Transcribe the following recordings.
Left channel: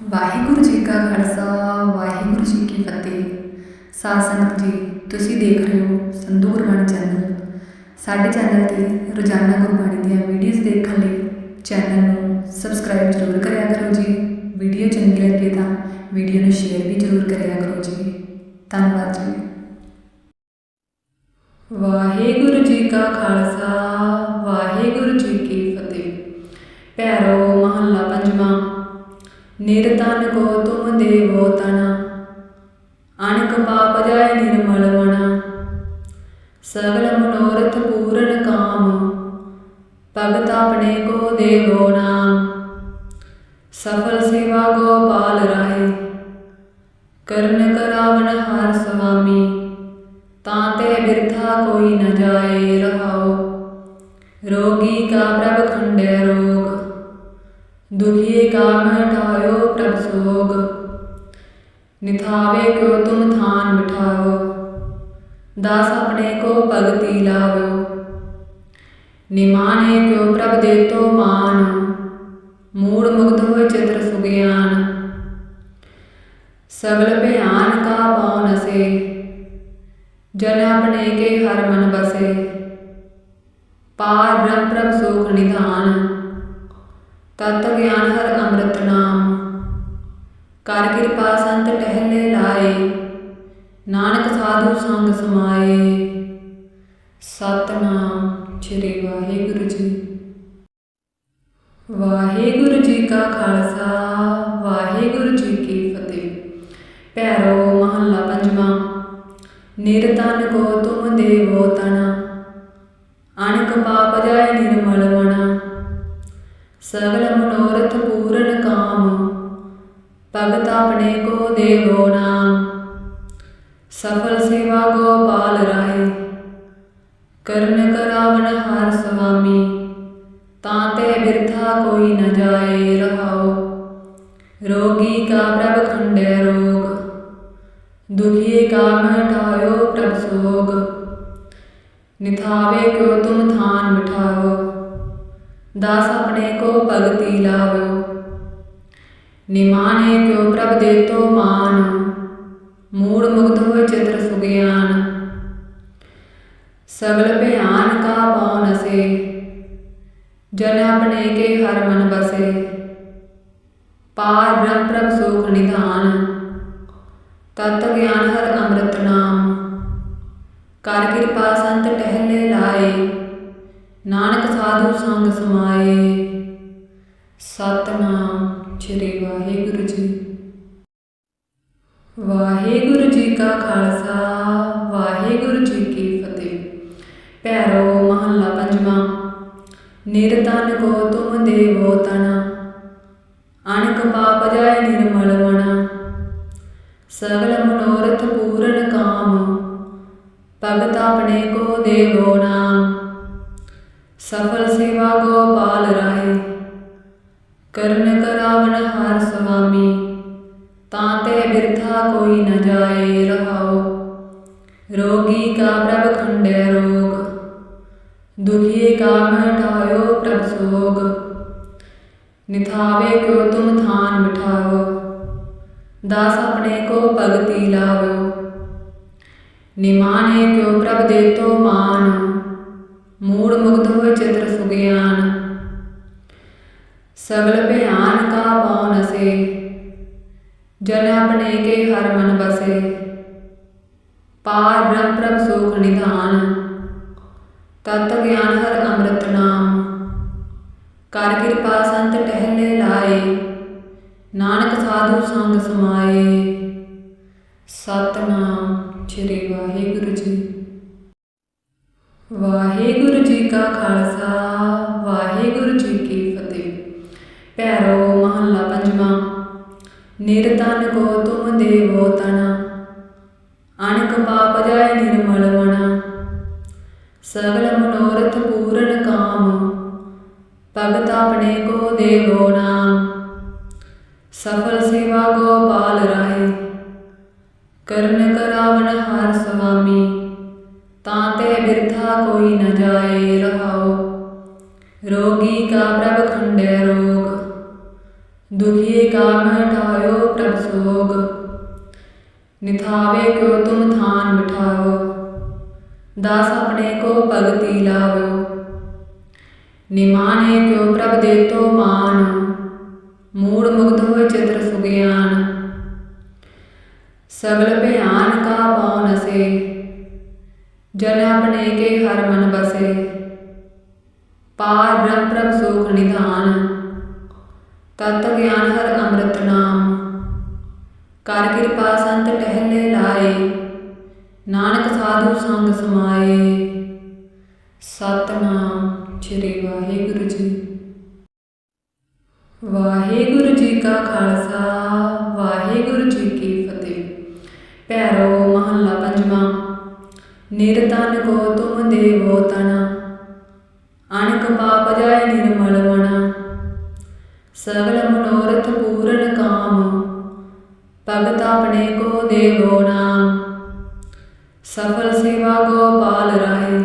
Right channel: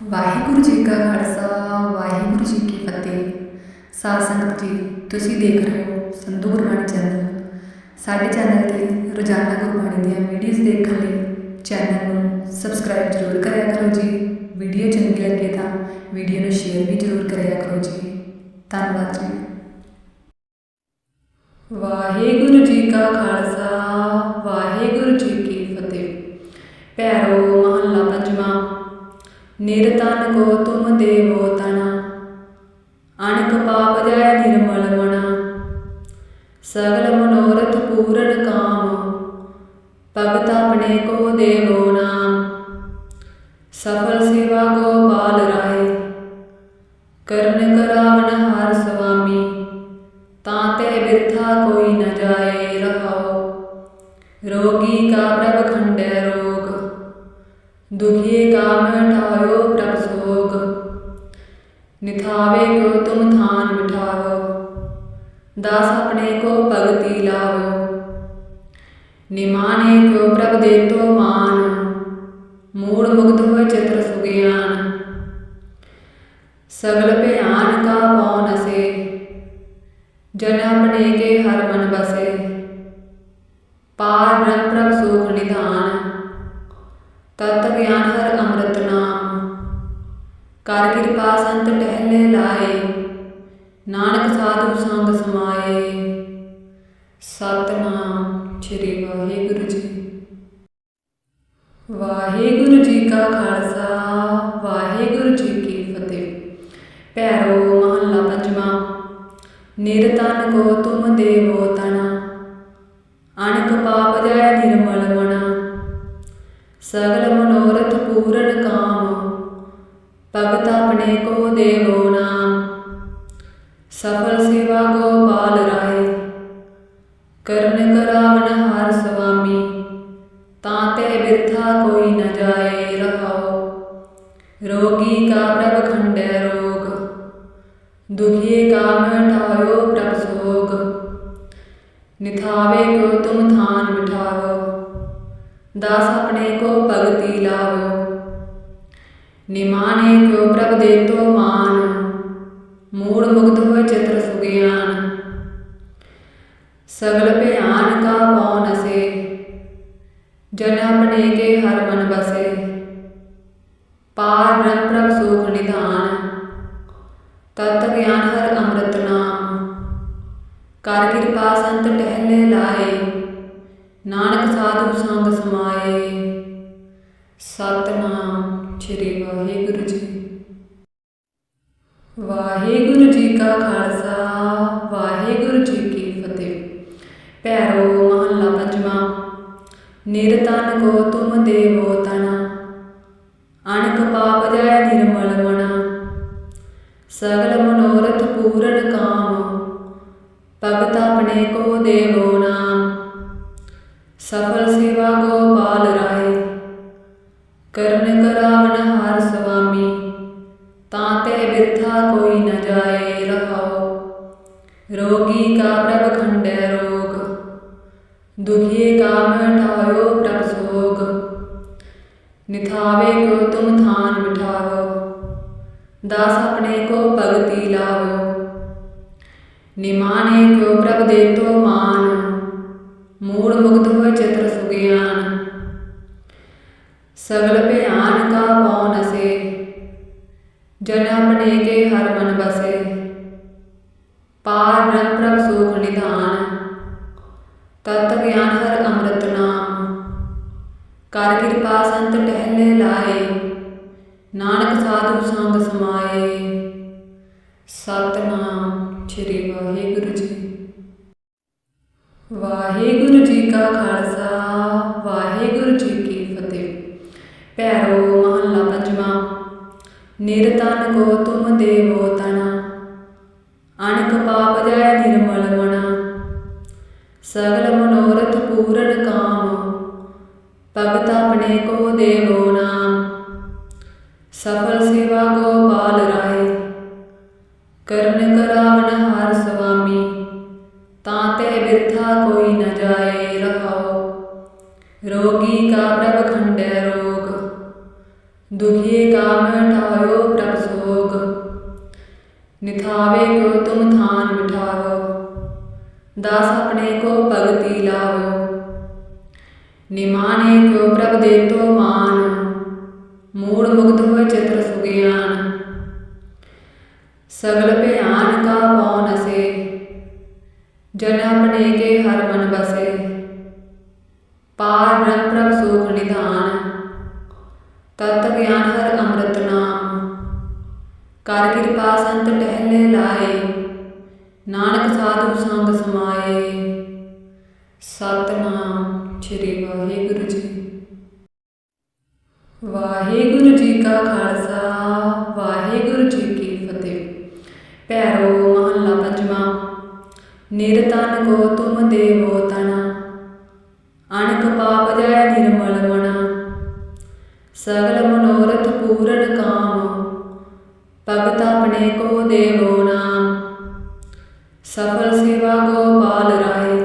ਵਾਹਿਗੁਰੂ ਜੀ ਕਾ ਖਾਲਸਾ, ਵਾਹਿਗੁਰੂ ਜੀ ਕੀ ਫਤਿਹ। ਸਾਧ ਸੰਗਤ ਜੀ, ਤੁਸੀਂ ਦੇਖ ਰਹੇ ਹੋ ਸੰਧੂ ਗੁਰਬਾਣੀ ਚੈਨਲ। ਸਾਡੇ ਚੈਨਲ ਤੇ ਰੋਜ਼ਾਨਾ ਗੁਰਬਾਣੀ ਦੀਆਂ ਵੀਡੀਓਜ਼ ਦੇਖਣ ਲਈ ਚੈਨਲ ਨੂੰ ਸਬਸਕ੍ਰਾਈਬ ਜ਼ਰੂਰ ਕਰਿਆ ਕਰੋ ਜੀ। ਵੀਡੀਓ ਚੰਗੀ ਲੱਗੇ ਤਾਂ ਵੀਡੀਓ ਨੂੰ ਸ਼ੇਅਰ ਵੀ ਜ਼ਰੂਰ ਕਰਿਆ ਕਰੋ ਜੀ। ਧੰਨਵਾਦ ਜੀ। ਵਾਹਿਗੁਰੂ ਜੀ ਕਾ ਖਾਲਸਾ, ਵਾਹਿਗੁਰੂ ਜੀ ਕੀ ਫਤਿਹ। ਪੈਰੋ ਮਹੱਲਾ ਨਿਰਤਨ ਕੋ ਤੁਮ ਦੇਵੋ ਤਣਾ ਅਣਕ ਪਾਪ ਜਾਏ ਨਿਰਮਲ ਮਣਾ ਸਗਲ ਮਨੋਰਥ ਪੂਰਨ ਕਾਮ। ਭਗਤ ਆਪਣੇ ਕੋ ਦੇਵੋ ਨਾਮ। ਸਫਲ ਸੇਵਾ ਗੋਪਾਲ ਰਾਏ ਕਰਨ ਕਰਾਵਨ ਹਰ ਸੁਆਮੀ ਤਾਂ ਤੇ ਬਿਰਥਾ ਕੋਈ ਨ ਜਾਏ ਰਹਾਓ ਰੋਗੀ ਕਾ ਪ੍ਰਭ ਖੰਡੇ ਰੋਗ। ਦੁਖੀ ਕਾ ਮਟਾਇਓ ਪ੍ਰਭ ਸੋਗ ਨਿਥਾਵੇ ਕੋ ਤੁਮ ਥਾਨ ਮਿਠਾਵੋ ਦਾਸ ਆਪਣੇ ਕੋ ਭਗਤੀ ਲਾਵੋ। ਨਿਮਾਨੇ ਕਿਉ ਪ੍ਰਭ ਦੇਤੋ ਮਾਨ, ਮੂੜ ਮੁਕਤ ਹੋਇ ਚਿਤ੍ਰ ਸੁਗਿਆਨ। ਸਗਲ ਭਿਆਨ ਕਾ ਪਉ ਨਸੇ, ਜਨ ਆਪਣੇ ਕੇ ਹਰ ਮਨ ਬਸੇ। ਪਾਰ ਬ੍ਰਹਮ ਪ੍ਰਭ ਸੁਖ ਨਿਧਾਨ, ਤਤ ਗਿਆਨ ਹਰ ਅੰਮ੍ਰਿਤ ਨਾਮ। ਕਰ ਕਿਰਪਾ ਸੰਤ ਟਹਿਲੇ ਲਾਏ, ਨਾਨਕ ਸਾਧੂ ਸੰਗ ਸਮਾਏ। ਸਤਨਾਮ ਸ੍ਰੀ ਵਾਹਿਗੁਰੂ ਜੀ। ਵਾਹਿਗੁਰੂ ਜੀ ਕਾ ਖਾਲਸਾ, ਵਾਹਿਗੁਰੂ ਜੀ ਕੀ ਫਤਿਹ। ਪੈਰੋ ਮਹੱਲਾ ਪੰਜਵਾਂ ਨਿਰਤਨ ਕੋ ਤੁਮ ਦੇਵੋ ਤਣਾ ਅਣਕ ਪਾਪ ਜਾਏ ਨਿਰਮਲ ਮਣਾ ਸਗਲ ਮਨੋ ਭਗਤ ਆਪਣੇ ਕੋ ਦੇਵੋ ਨਾਮ ਸਫਲ ਸੇਵਾ ਗੋਪਾਲ ਰਾਏ ਕਰਨ ਕਰਾਵਨ ਹਰ ਸੁਆਮੀ ਤਾਂ ਤੇ ਬਿਰਥਾ ਕੋਈ ਨ ਜਾਏ ਰਹਾਓ ਰੋਗੀ ਕਾ ਪ੍ਰਭ ਖੰਡੇ ਰੋਗ ਦੁਖੀ ਕਾ ਮਟਾਇਓ ਪ੍ਰਭ ਸੋਗ ਨਿਥਾਵੇ ਕੋ ਤੁਮ ਥਾਨ ਮਿਠਾਵੋ ਦਾਸ ਆਪਣੇ ਕੋ ਭਗਤੀ ਲਾਵੋ ਨਿਮਾਨੇ ਕਿਉ ਪ੍ਰਭ ਦੇਤੋ ਮਾਨ, ਮੂੜ ਮੁਕਤ ਹੋਇ ਚਿਤ੍ਰ ਸੁਗਿਆਨ। ਸਗਲ ਭਿਆਨ ਕਾ ਪਉ ਨਸੇ, ਜਨ ਆਪਣੇ ਕੇ ਹਰ ਮਨ ਬਸੇ। ਪਾਰ ਬ੍ਰਹਮ ਪ੍ਰਭ ਸੁਖ ਨਿਧਾਨ, ਤਤ ਗਿਆਨ ਹਰ ਅੰਮ੍ਰਿਤ ਨਾਮ। ਕਰ ਕਿਰਪਾ ਸੰਤ ਟਹਿਲੇ ਲਾਏ, ਨਾਨਕ ਸਾਧੂ ਸੰਗ ਸਮਾਏ। ਸਤਨਾਮ। ਸ੍ਰੀ ਵਾਹਿਗੁਰੂ ਜੀ। ਵਾਹਿਗੁਰੂ ਜੀ ਕਾ ਖਾਲਸਾ, ਵਾਹਿਗੁਰੂ ਜੀ ਕੀ ਫਤਿਹ। ਪੈਰੋ ਮਹੱਲਾ ਪੰਜਵਾਂ ਨਿਰਤਨ ਕੋ ਤੁਮ ਦੇਵੋ ਤਣਾ ਅਣਕ ਪਾਪ ਜਾਏ ਨਿਰਮਲ ਮਣਾ ਸਗਲ ਮਨੋਰਥ ਪੂਰਨ ਕਾਮ। ਭਗਤ ਆਪਣੇ ਕੋ ਦੇਵੋ ਨਾਮ। ਸਫਲ ਸੇਵਾ ਗੋਪਾਲ ਰਾਏ। ਕਰਨ ਕਰਾਵਨ ਹਰ ਸੁਆਮੀ ਤਾਂ ਤੇ ਬਿਰਥਾ ਕੋਈ ਨ ਜਾਏ ਰਹਾਓ ਰੋਗੀ ਕਾ ਪ੍ਰਭ ਖੰਡੇ ਰੋਗ ਦੁਖੀ ਕਾ ਮਟਾਇਓ ਪ੍ਰਭ ਸੋਗ। ਨਿਥਾਵੇ ਕੋ ਤੁਮ ਥਾਨ ਬਿਠਾਓ ਦਾਸ ਆਪਣੇ ਕੋ ਭਗਤੀ ਲਾਵੋ। ਨਿਮਾਨੇ ਕਿਉ ਪ੍ਰਭ ਦੇਤੋ ਮਾਨ, ਮੂੜ ਮੁਕਤ ਹੋਇ ਚਿਤ੍ਰ ਸੁਗਿਆਨ। ਸਗਲ ਭਿਆਨ ਕਾ ਪਉ ਨਸੇ ਜਨ ਆਪਣੇ ਕੇ ਹਰ ਮਨ ਬਸੇ। ਪਾਰ ਬ੍ਰਹਮ ਪ੍ਰਭ ਸੁਖ ਨਿਧਾਨ, ਤਤ ਗਿਆਨ ਹਰ ਅੰਮ੍ਰਿਤ ਨਾਮ। ਕਰ ਕਿਰਪਾ ਸੰਤ ਟਹਿਲੇ ਲਾਏ, ਨਾਨਕ ਸਾਧੂ ਸੰਗ ਸਮਾਏ। ਸਤਨਾਮ ਸ੍ਰੀ ਵਾਹਿਗੁਰੂ ਜੀ। ਵਾਹਿਗੁਰੂ ਜੀ ਕਾ ਖਾਲਸਾ, ਵਾਹਿਗੁਰੂ ਜੀ ਭੈਰੋ ਮਹੱਲਾ ਪੰਜਵਾਂ ਨਿਰਤਨ ਕੋ ਤੁਮ ਦੇਵੋ ਤਣਾ ਅਣਕ ਪਾਪ ਜਾਏ ਨਿਰਮਲ ਮਣਾ ਸਗਲ ਮਨੋਰਥ ਪੂਰਨ ਕਾਮ। ਭਗਤ ਆਪਣੇ ਕੋ ਦੇਵੋ ਨਾਮ। ਸਫਲ ਸੇਵਾ ਗੋਪਾਲ ਰਾਏ ਕਰਨ ਕਰਾਵਨ ਹਰ ਸੁਆਮੀ ਤਾਂ ਤੇ ਬਿਰਥਾ ਕੋਈ ਨ ਜਾਏ ਰਹਾਓ ਰੋਗੀ ਕਾ ਪ੍ਰਭ दुखिए काम ठायो प्रभ सोग निथावे को तुम थान बिठाओ दास अपने को भगति लावो निमाने को प्रभ देतो मान मूड मुग्ध हो चित्र सुज्ञान सगल भयान का पौन से जन अपने के हर मन बसे पार ब्रह्म प्रभ सुख निधान ਤਤ ਗਿਆਨ ਹਰ ਅੰਮ੍ਰਿਤ ਨਾਮ। ਕਰ ਕਿਰਪਾ ਸੰਤ ਟਹਿਲੇ ਲਾਏ, ਨਾਨਕ ਸਾਧੂ ਸੰਗ ਸਮਾਏ। ਸਤਨਾਮ ਸ੍ਰੀ ਵਾਹਿਗੁਰੂ ਜੀ। ਵਾਹਿਗੁਰੂ ਜੀ ਕਾ ਖਾਲਸਾ, ਵਾਹਿਗੁਰੂ ਜੀ ਕੀ ਫਤਿਹ। ਪੈਰੋ ਮਹੱਲਾ ਪੰਜਵਾਂ ਨਿਰਤਨ ਕੋ ਤੁਮ ਦੇਵੋ ਤਨਾ। ਅਣਕ ਪਾਪ ਜਾਏ ਨਿਰਮਲ ਮਨਾ। ਸਗਲ ਮਨੋਰਥ ਪੂਰਨ ਕਾਮ, ਭਗਤ ਆਪਣੇ ਕੋ ਦੇਵੋ ਨਾਮ। ਸਫਲ ਸੇਵਾ ਗੋਪਾਲ ਰਾਏ,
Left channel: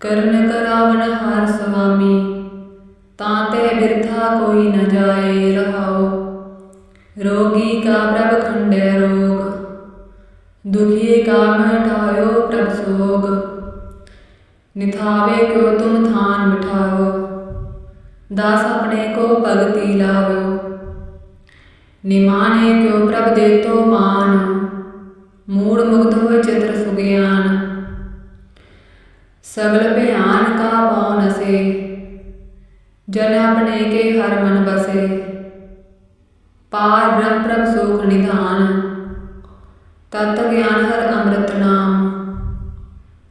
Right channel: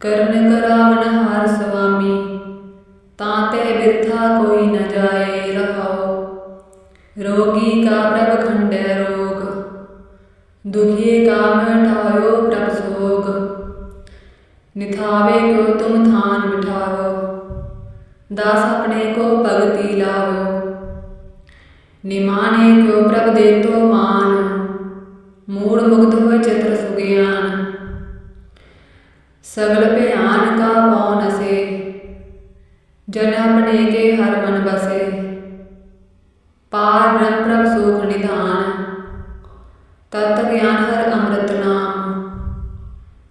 ਕਰਨ ਕਰਾਵਨ ਹਰ ਸੁਆਮੀ ਤਾਂ ਤੇ ਬਿਰਥਾ ਕੋਈ ਨ ਜਾਏ ਰਹਾਓ ਰੋਗੀ ਕਾ ਪ੍ਰਭ ਖੰਡੈ ਰੋਗ, ਦੁਖੀਏ ਕਾ ਮਟਾਇਓ ਪ੍ਰਭ ਸੋਗ। ਨਿਥਾਵੇ ਕਿਉ ਤੁਮ ਥਾਨ ਬਿਠਾਵੋ ਦਾਸ ਆਪਣੇ ਕੋ ਭਗਤੀ ਲਾਵੋ। ਨਿਮਾਨੇ ਕਿਉ ਪ੍ਰਭ ਦੇ ਤੋ ਮਾਨ, ਮੂੜ ਮੁਗਧ ਹੋਏ ਚਿਤ੍ਰ ਸੁਗਿਆਨ। ਸਗਲ ਭਿਆਨ ਕਾ ਪੌਨ ਸੇ ਜਨ ਆਪਣੇ ਕੇ ਹਰ ਮਨ ਬਸੇ। ਪਾਰ ਬ੍ਰਹਮ ਪ੍ਰਭ ਸੁਖ ਨਿਧਾਨ, ਤਤ ਗਿਆਨ ਹਰ ਅੰਮ੍ਰਿਤ ਨਾਮ।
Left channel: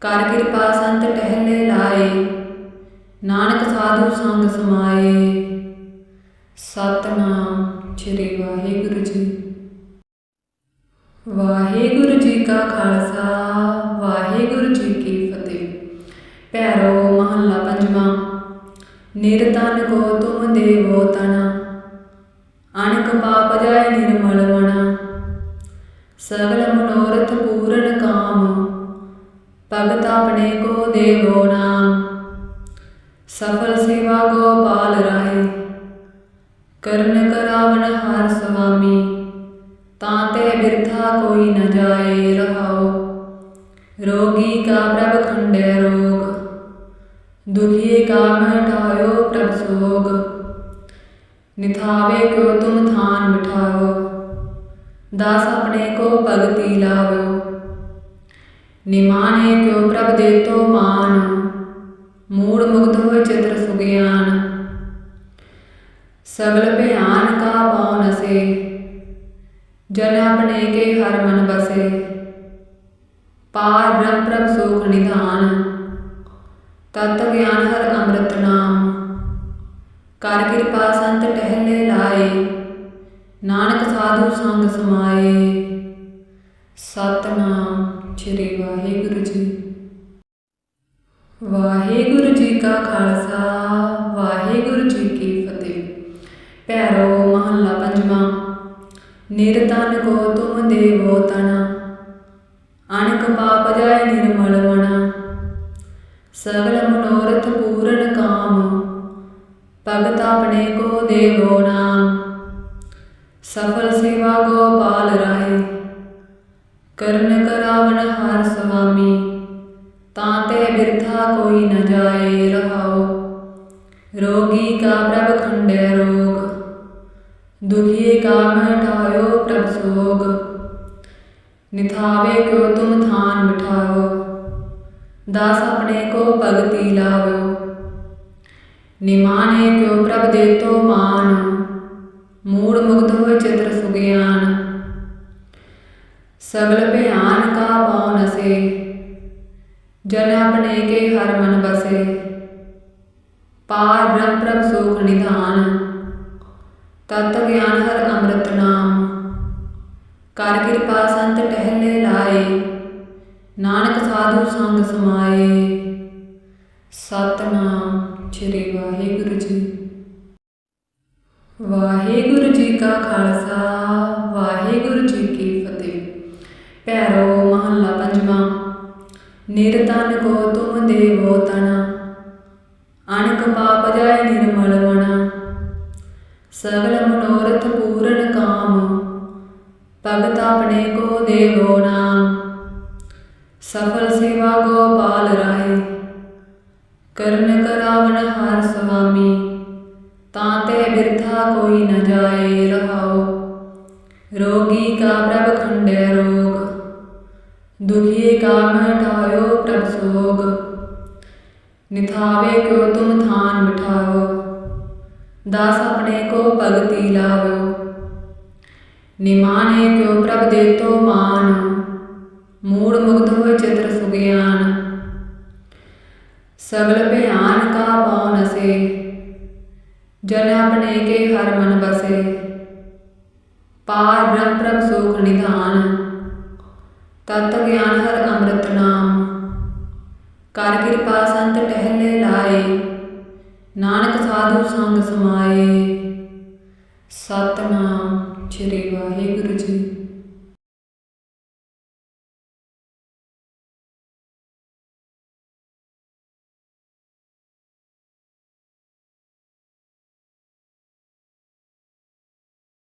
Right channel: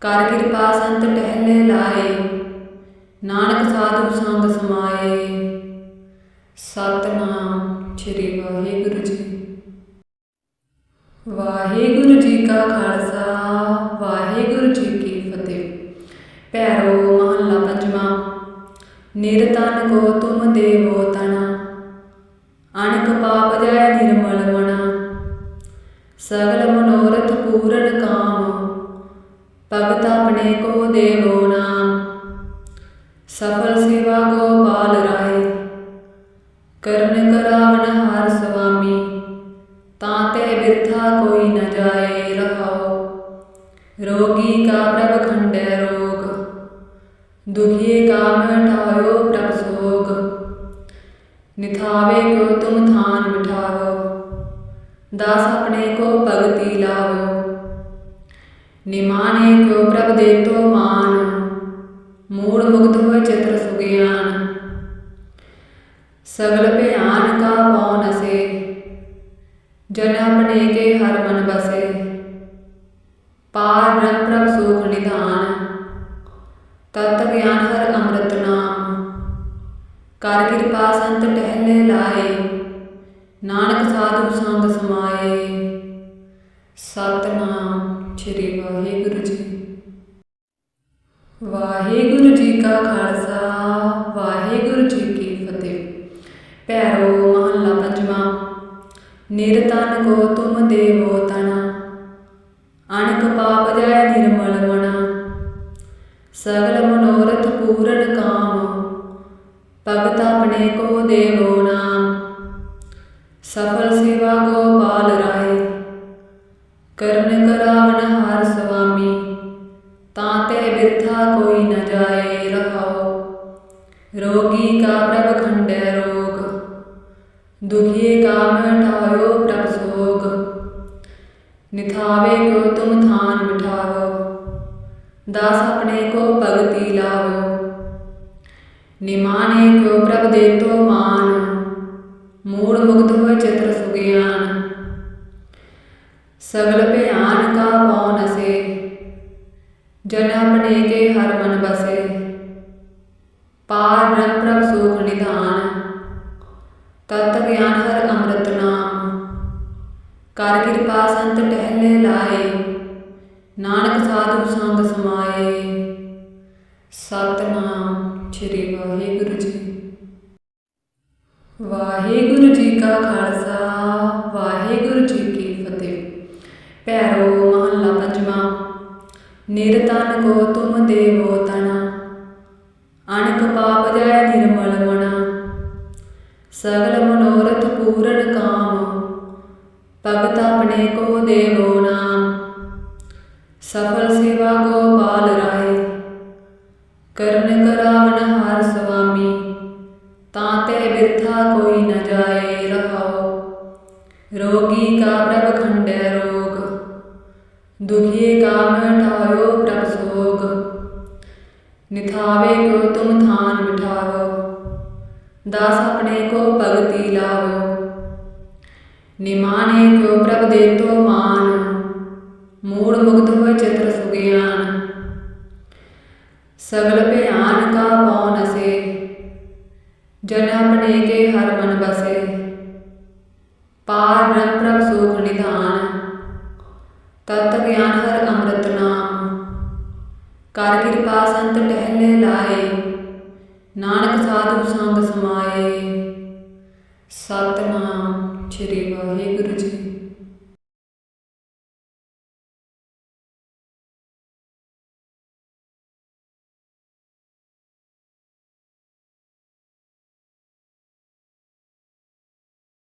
ਕਰ ਕਿਰਪਾ ਸੰਤ ਟਹਿਲੇ ਲਾਏ ਨਾਨਕ ਸਾਧੂ ਸੰਗ ਸਮਾਏ। ਸਤਨਾਮ ਸ੍ਰੀ ਵਾਹਿਗੁਰੂ ਜੀ। ਵਾਹਿਗੁਰੂ ਜੀ ਕਾ ਖਾਲਸਾ, ਵਾਹਿਗੁਰੂ ਜੀ ਕੀ ਫਤਿਹ। ਪੈਰੋ ਮਹੱਲਾ ਪੰਜਵਾਂ ਨਿਰਤਨ ਕੋ ਤੁਮ ਦੇਵੋ ਤਣਾ ਅਣਕ ਪਾਪ ਜਾਏ ਨਿਰਮਲ ਮਨਾ। ਸਗਲ ਮਨੋਰਥ ਪੂਰਨ ਕਾਮ। ਭਗਤ ਆਪਣੇ ਕੋ ਦੇਵੋ ਨਾਮ। ਸਫਲ ਸੇਵਾ ਗੋਪਾਲ ਰਾਏ। ਕਰਨ ਕਰਾਵਨ ਹਰ ਸੁਆਮੀ ਤਾਂ ਤੇ ਬਿਰਥਾ ਕੋਈ ਨ ਜਾਏ ਰਹਾਓ ਰੋਗੀ ਕਾ ਪ੍ਰਭ ਖੰਡੈ ਰੋਗ, ਦੁਖੀਏ ਕਾ ਮਟਾਇਓ ਪ੍ਰਭ ਸੋਗ। ਨਿਥਾਵੇ ਕਿਉ ਤੁਮ ਥਾਨ ਬਿਠਾਵੋ, ਦਾਸ ਆਪਣੇ ਕੋ ਭਗਤੀ ਲਾਵੋ। ਨਿਮਾਨੇ ਕਿਉ ਪ੍ਰਭ ਦੇ ਤੋ ਮੂੜ ਮੁਗਧ ਹੋਏ ਚਿਤਰ ਸੁਗਿਆਨ। ਸਗਲ ਭਿਆਨ ਕਾ ਪੌਨ ਸੇ ਜਨ ਆਪਣੇ ਕੇ ਹਰ ਮਨ ਬਸੇ। ਪਾਰ ਬ੍ਰਹਮ ਪ੍ਰਭ ਸੁਖ ਨਿਧਾਨ, ਤਤ ਗਿਆਨ ਹਰ ਅੰਮ੍ਰਿਤ ਨਾਮ। ਕਰ ਕਿਰਪਾ ਸੰਤ ਟਹਿਲੇ ਲਾਏ, ਨਾਨਕ ਸਾਧੂ ਸੰਗ ਸਮਾਏ। ਸਤਨਾਮ ਸ੍ਰੀ ਵਾਹਿਗੁਰੂ ਜੀ। ਵਾਹਿਗੁਰੂ ਜੀ ਕਾ ਖਾਲਸਾ, ਵਾਹਿਗੁਰੂ ਜੀ ਕੀ ਫਤਿਹ। ਪੈਰੋ ਮਹੱਲਾ ਪੰਜਵਾਂ ਨਿਰਤਨ ਕੋ ਤੁਮ ਦੇਵੋ ਤਨਾ, ਅਣਕ ਪਾਪ ਜਾਏ ਨਿਰਮਲ ਮਣਾ ਸਗਲ ਮਨੋਰਥ ਪੂਰਨ ਕਾਮ, ਭਗਤ ਆਪਣੇ ਕੋ ਦੇਵੋ ਨਾਮ, ਸਫਲ ਸੇਵਾ ਗੋਪਾਲ ਰਾਏ ਨਿਥਾਵੇ ਕਿਉ ਤੁਮ ਥਾਨ ਬਿਠਾਵੋ, ਦਾਸ ਆਪਣੇ ਕੋ ਭਗਤੀ ਲਾਵੋ। ਨਿਮਾਨੇ ਕਿਉ ਪ੍ਰਭ ਦੇ ਤੋ ਮਾਨ, ਮੂੜ ਮੁਗਧ ਹੋਏ ਚਿਤ੍ਰ ਸੁਗਿਆਨ। ਸਗਲ ਭਿਆਨ ਕਾ ਪੌਨ ਸੇ ਜਨ ਆਪਣੇ ਕੇ ਹਰ ਮਨ ਬਸੇ। ਪਾਰ ਬ੍ਰਹਮ ਪ੍ਰਭ ਸੁਖ ਨਿਧਾਨ, ਤਤ ਗਿਆਨ ਹਰ ਅੰਮ੍ਰਿਤ ਨਾਮ। ਕਰ ਕਿਰਪਾ ਸੰਤ ਟਹਿਲੇ ਲਾਏ, ਨਾਨਕ ਸਾਧੂ ਸੰਗ ਸਮਾਏ। ਸਤਨਾਮ ਸ੍ਰੀ ਵਾਹਿਗੁਰੂ ਜੀ। ਵਾਹਿਗੁਰੂ ਜੀ ਕਾ ਖਾਲਸਾ, ਵਾਹਿਗੁਰੂ ਜੀ ਕੀ ਫਤਿਹ। ਪੈਰੋ ਮਹੱਲਾ ਪੰਜਵਾਂ ਨਿਰਤਨ ਕੋ ਤੁਮ ਦੇਵੋ ਤਣਾ ਅਣਕ ਪਾਪ ਜਾਏ ਨਿਰਮਲ ਮਣਾ ਸਗਲ ਮਨੋਰਥ ਪੂਰਨ ਕਾਮ। ਭਗਤ ਆਪਣੇ ਕੋ ਦੇਵੋ ਨਾਮ ਸਫਲ ਸੇਵਾ ਗੋਪਾਲ ਰਾਏ ਕਰਨ ਕਰਾਵਨ ਹਰ ਸੁਆਮੀ ਤਾਂ ਤੇ ਬਿਰਥਾ ਕੋਈ ਨ ਜਾਏ ਰਹਾਓ ਰੋਗੀ ਕਾ ਪ੍ਰਭ ਖੰਡੈ ਰੋਗ ਦੁਖੀਏ ਕਾ ਮਟਾਇਓ ਪ੍ਰਭ ਸੋਗ ਨਿਥਾਵੇ ਕਿਉ ਤੁਮ ਥਾਨ ਬਿਠਾਵੋ ਦਾਸ ਆਪਣੇ ਕੋ ਭਗਤੀ ਨਿਮਾਨੇ ਕਿਉ ਪ੍ਰਭ ਦੇਤੋ ਮਾਨ, ਮੂੜ ਮੁਕਤ ਹੋਏ ਚਿਤਰ ਸੁਗਿਆਨ। ਸਗਲ ਭਿਆਨ ਕਾ ਪਉ ਨਸੇ, ਜਨ ਆਪਣੇ ਕੇ ਹਰ ਮਨ ਬਸੇ। ਪਾਰ ਬ੍ਰਹਮ ਪ੍ਰਭ ਸੁਖ ਨਿਧਾਨ, ਤਤ ਗਿਆਨ ਹਰ ਅੰਮ੍ਰਿਤ ਨਾਮ। ਕਰ ਕਿਰਪਾ ਸੰਤ ਟਹਿਲੇ ਲਾਏ, ਨਾਨਕ ਸਾਧੂ ਸੰਗ ਸਮਾਏ। ਸਤਨਾਮ। ਸ੍ਰੀ ਵਾਹਿਗੁਰੂ ਜੀ